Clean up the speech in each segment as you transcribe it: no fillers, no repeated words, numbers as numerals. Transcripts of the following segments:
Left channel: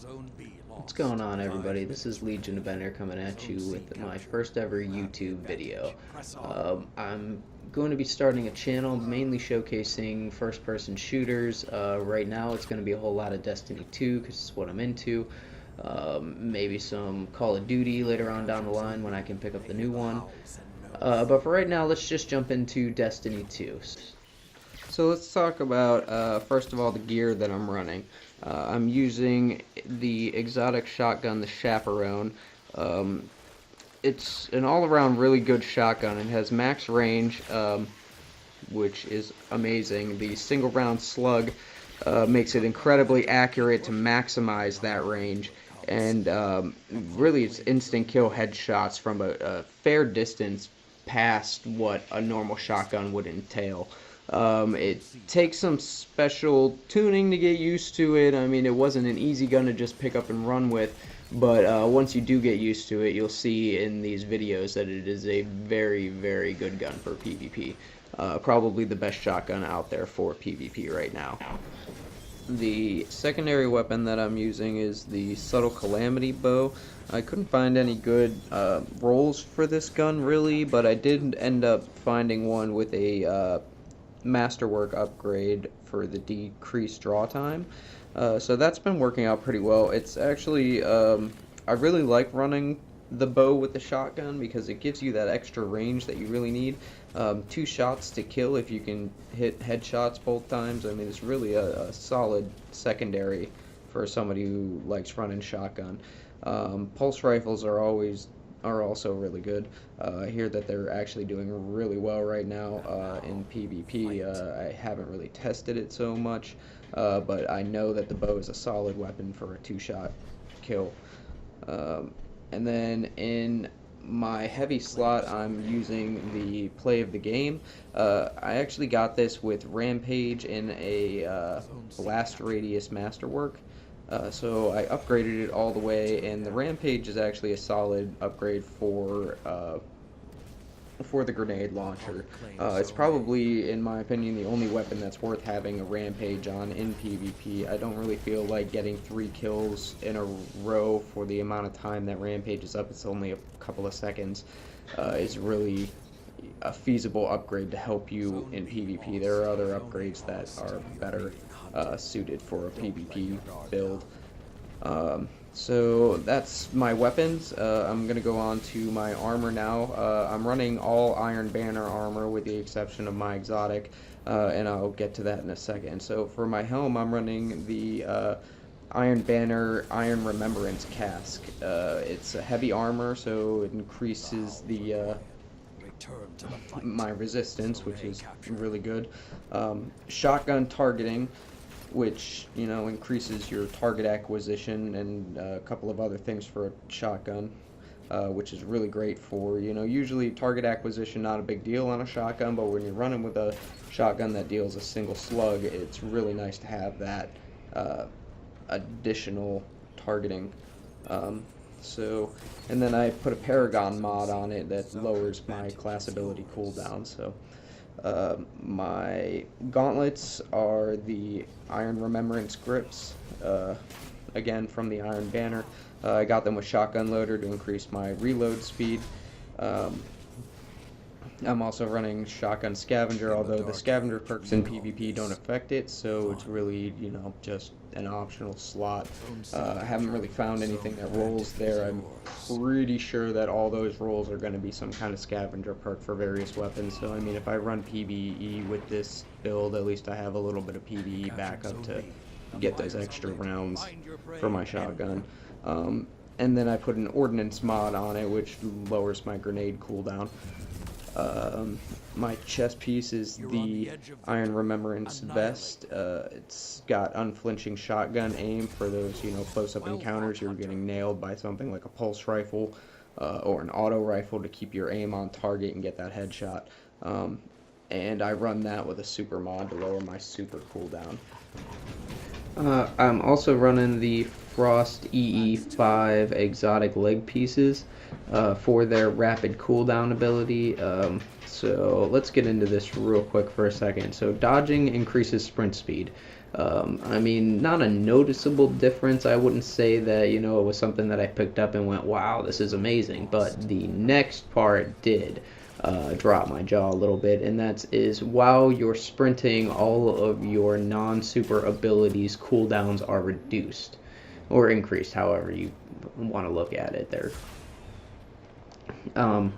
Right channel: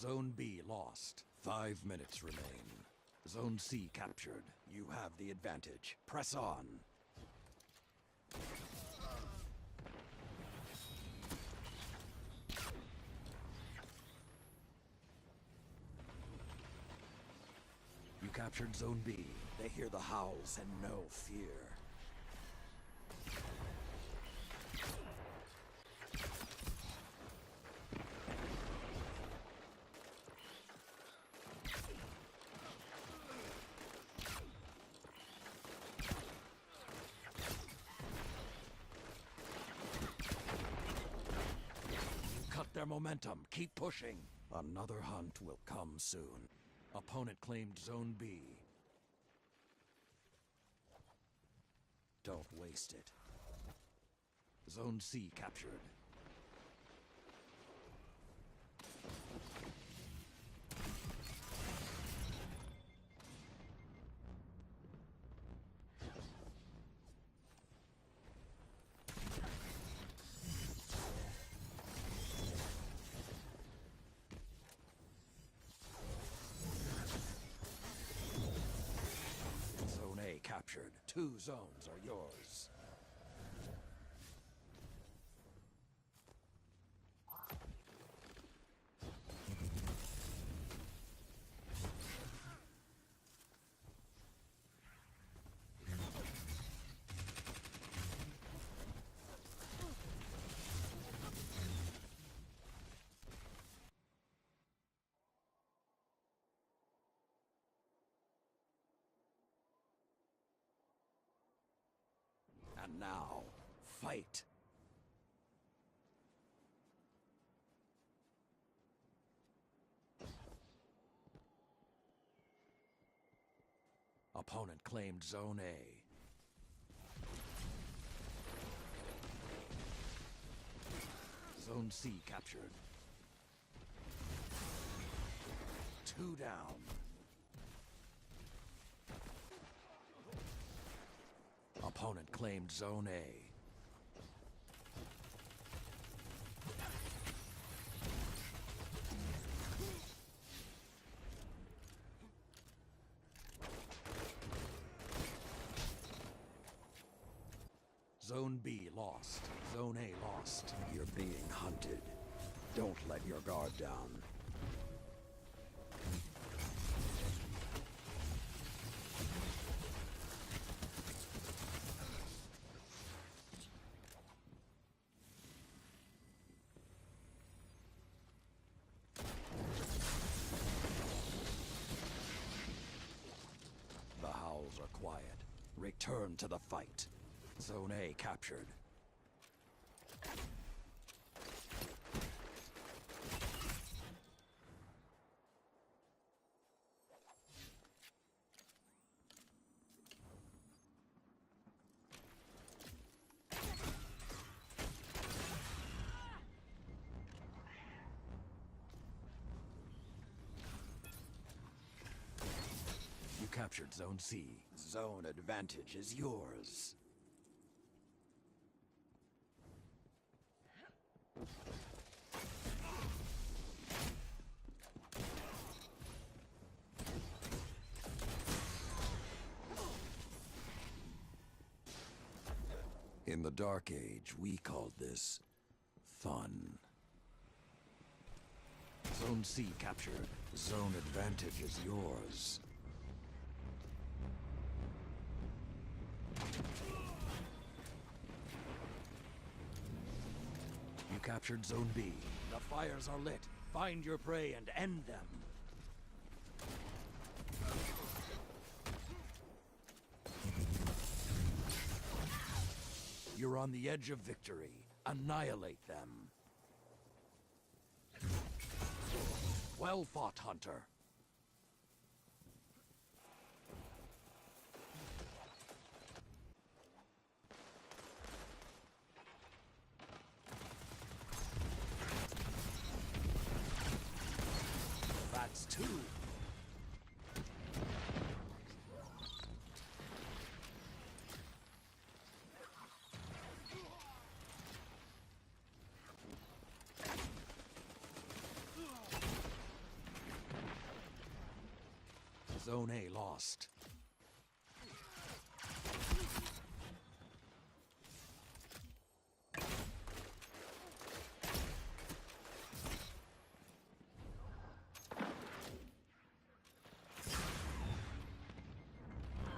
What's going on, everybody? This is Legion of Ender coming at you with my first ever YouTube video. I'm going to be starting a channel mainly showcasing first-person shooters. Right now it's going to be a whole lot of Destiny 2 because it's what I'm into. Maybe some Call of Duty later on down the line when I can pick up the new one. But for right now, let's just jump into Destiny 2. So let's talk about, first of all, the gear that I'm running. I'm using the exotic shotgun, the Chaperone. It's an all-around really good shotgun. It has max range, which is amazing. The single-round slug makes it incredibly accurate to maximize that range. And really, it's instant kill headshots from a fair distance past what a normal shotgun would entail. It takes some special tuning to get used to it. I mean, it wasn't an easy gun to just pick up and run with, but once you do get used to it, you'll see in these videos that it is a very, very good gun for PvP. Probably the best shotgun out there for PvP right now. The secondary weapon that I'm using is the Subtle Calamity bow. I couldn't find any good rolls for this gun really, but I did end up finding one with a Masterwork upgrade for the decreased draw time. So that's been working out pretty well. It's actually, I really like running the bow with the shotgun because it gives you that extra range that you really need. 2 shots to kill if you can hit headshots both times. I mean, it's really a solid secondary for somebody who likes running shotgun. Pulse rifles are also really good. I hear that they're actually doing really well right now in PvP. I haven't really tested it so much, but I know that the bow is a solid weapon for a 2-shot kill. And then in my heavy slot, I'm using the play of the game. I actually got this with Rampage in a blast radius masterwork. So I upgraded it all the way, and the Rampage is actually a solid upgrade for the grenade launcher. It's probably, in my opinion, the only weapon that's worth having a Rampage on in PvP. I don't really feel like getting 3 kills in a row for the amount of time that Rampage is up. It's only a couple of seconds. Is really a feasible upgrade to help you in PvP. There are other upgrades that are better suited for a PvP build. So that's my weapons. I'm going to go on to my armor now. I'm running all Iron Banner armor with the exception of my exotic, and I'll get to that in a second. So for my helm, I'm running the Iron Banner Iron Remembrance casque. It's a heavy armor, so it increases my resistance, which is really good. Shotgun targeting, which, you know, increases your target acquisition and a couple of other things for a shotgun, which is really great for, you know, usually target acquisition not a big deal on a shotgun, but when you're running with a shotgun that deals a single slug, it's really nice to have that additional targeting. And then I put a Paragon mod on it that lowers my class ability cooldown. So my gauntlets are the Iron Remembrance grips, again from the Iron Banner. I got them with Shotgun Loader to increase my reload speed. I'm also running Shotgun Scavenger, although the Scavenger perks in PvP don't affect it, so it's really, you know, just an optional slot. I haven't really found anything that rolls there. I'm pretty sure that all those rolls are going to be some kind of Scavenger perk for various weapons, so I mean, if I run PvE with this build, at least I have a little bit of PvE backup to get those extra rounds for my shotgun. And then I put an Ordnance mod on it, which lowers my grenade cooldown. My chest piece is the Iron Remembrance vest. It's got unflinching shotgun aim for those, you know, close-up encounters. You're getting nailed by something like a pulse rifle or an auto rifle to keep your aim on target and get that headshot. And I run that with a super mod to lower my super cooldown. I'm also running the Frost EE5 exotic leg pieces for their rapid cooldown ability. So let's get into this real quick for a second. So dodging increases sprint speed. I mean, not a noticeable difference. I wouldn't say that, you know, it was something that I picked up and went, wow, this is amazing. But the next part did drop my jaw a little bit, and that is while you're sprinting, all of your non-super abilities cooldowns are reduced or increased, however you want to look at it there. Um,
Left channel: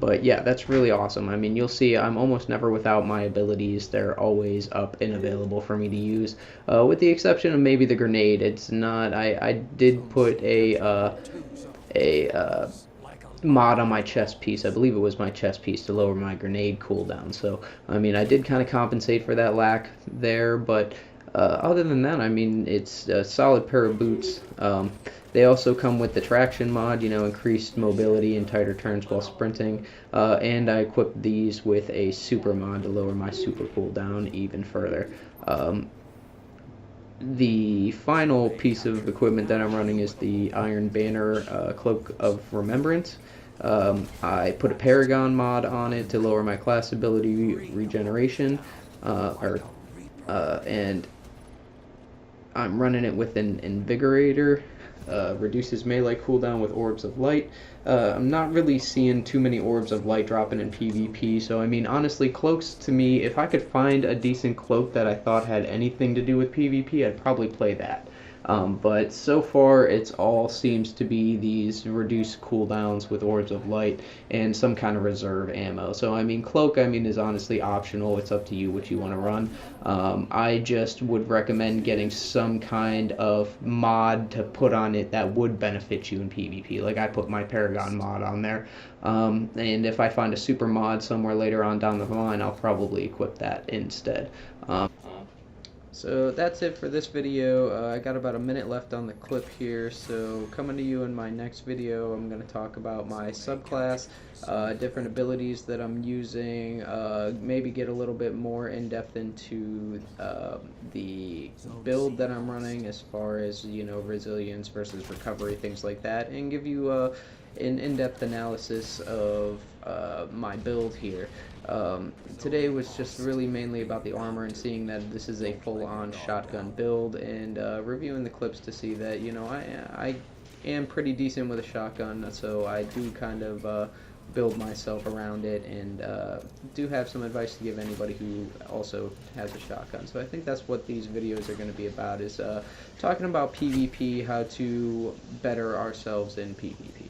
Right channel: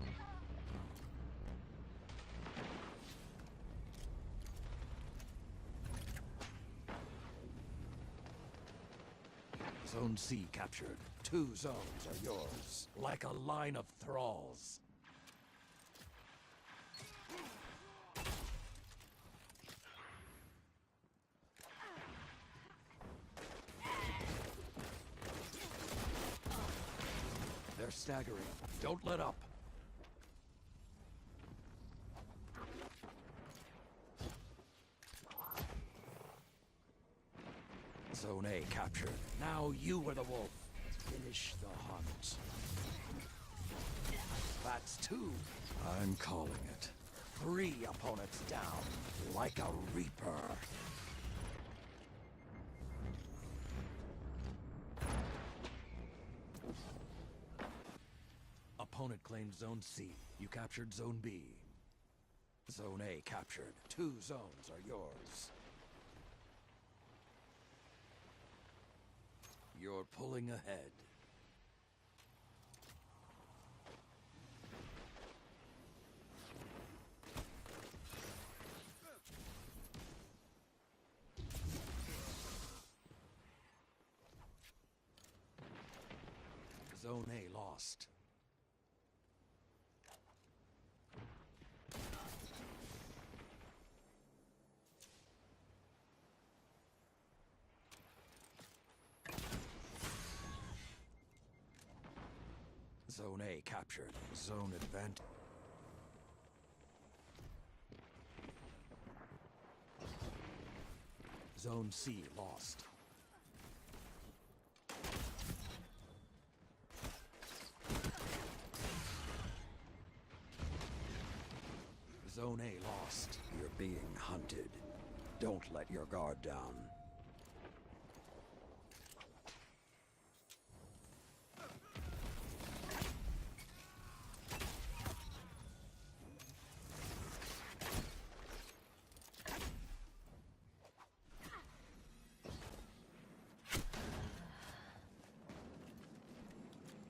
but yeah, that's really awesome. I mean, you'll see I'm almost never without my abilities. They're always up and available for me to use, with the exception of maybe the grenade. It's not. I did put a mod on my chest piece. I believe it was my chest piece to lower my grenade cooldown. So I mean, I did kind of compensate for that lack there, but other than that, I mean, it's a solid pair of boots. They also come with the traction mod, you know, increased mobility and tighter turns while sprinting. And I equipped these with a super mod to lower my super cooldown even further. Um, the final piece of equipment that I'm running is the Iron Banner Cloak of Remembrance. I put a Paragon mod on it to lower my class ability regeneration, and I'm running it with an Invigorator. Reduces melee cooldown with Orbs of Light. I'm not really seeing too many Orbs of Light dropping in PvP, so I mean, honestly, cloaks to me, if I could find a decent cloak that I thought had anything to do with PvP, I'd probably play that. But so far, it's all seems to be these reduced cooldowns with Orbs of Light and some kind of reserve ammo. So I mean, cloak, I mean, is honestly optional. It's up to you what you want to run. I just would recommend getting some kind of mod to put on it that would benefit you in PvP. Like I put my Paragon mod on there. And if I find a super mod somewhere later on down the line, I'll probably equip that instead. So that's it for this video. I got about a minute left on the clip here, so coming to you in my next video, I'm going to talk about my subclass, different abilities that I'm using, maybe get a little bit more in depth into the build that I'm running as far as, you know, resilience versus recovery, things like that, and give you an in-depth analysis of my build here. Today was just really mainly about the armor and seeing that this is a full-on shotgun build, and reviewing the clips to see that, you know, I am pretty decent with a shotgun, so I do kind of build myself around it, and do have some advice to give anybody who also has a shotgun. So I think that's what these videos are going to be about, is talking about PvP, how to better ourselves in PvP.